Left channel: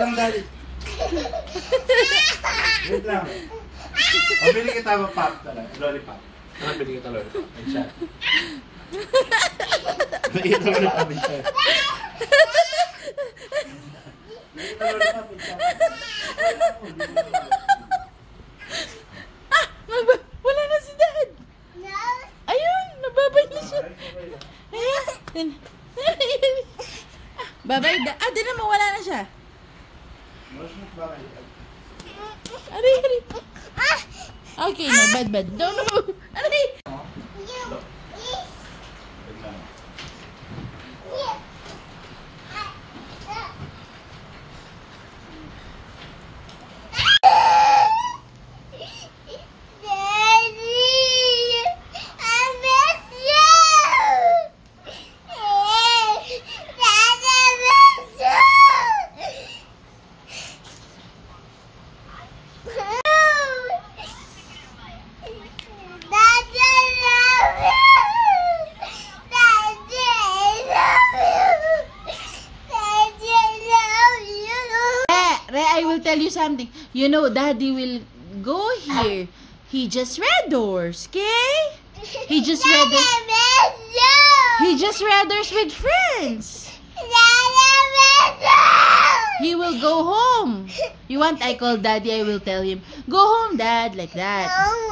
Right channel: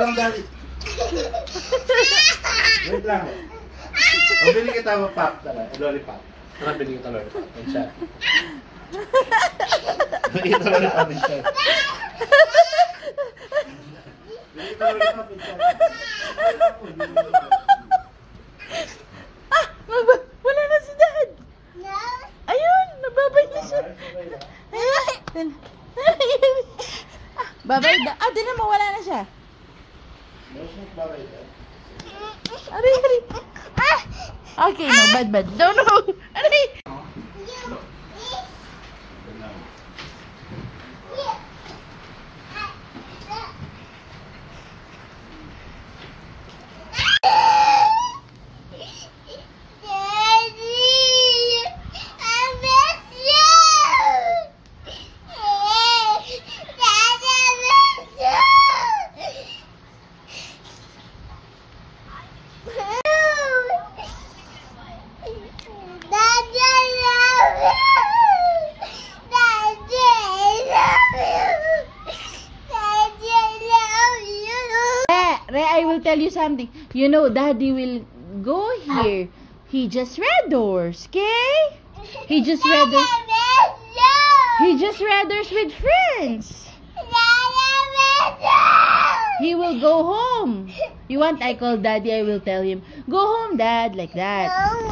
lang, Daddy. Wait lang. Mabili kita ng pop talaga. Lollipop. Mabili kita lollipop. Ay, siya. Mabili kita lollipop. Ay, siya. Mabili kita lollipop. Ay, siya. Wala na si Dad. Ayun, nagbabay na siya. Ayun. Babay da. Tinan mo, wala na siya. Aray, aray. Okay, no, bad. No. Aray. I will tell you something. You know, Daddy will go here. He just read doors, okay? He just read doors. He just read doors with friends. He will go home. You want I call Daddy, I will tell him, go home, Dad, like that.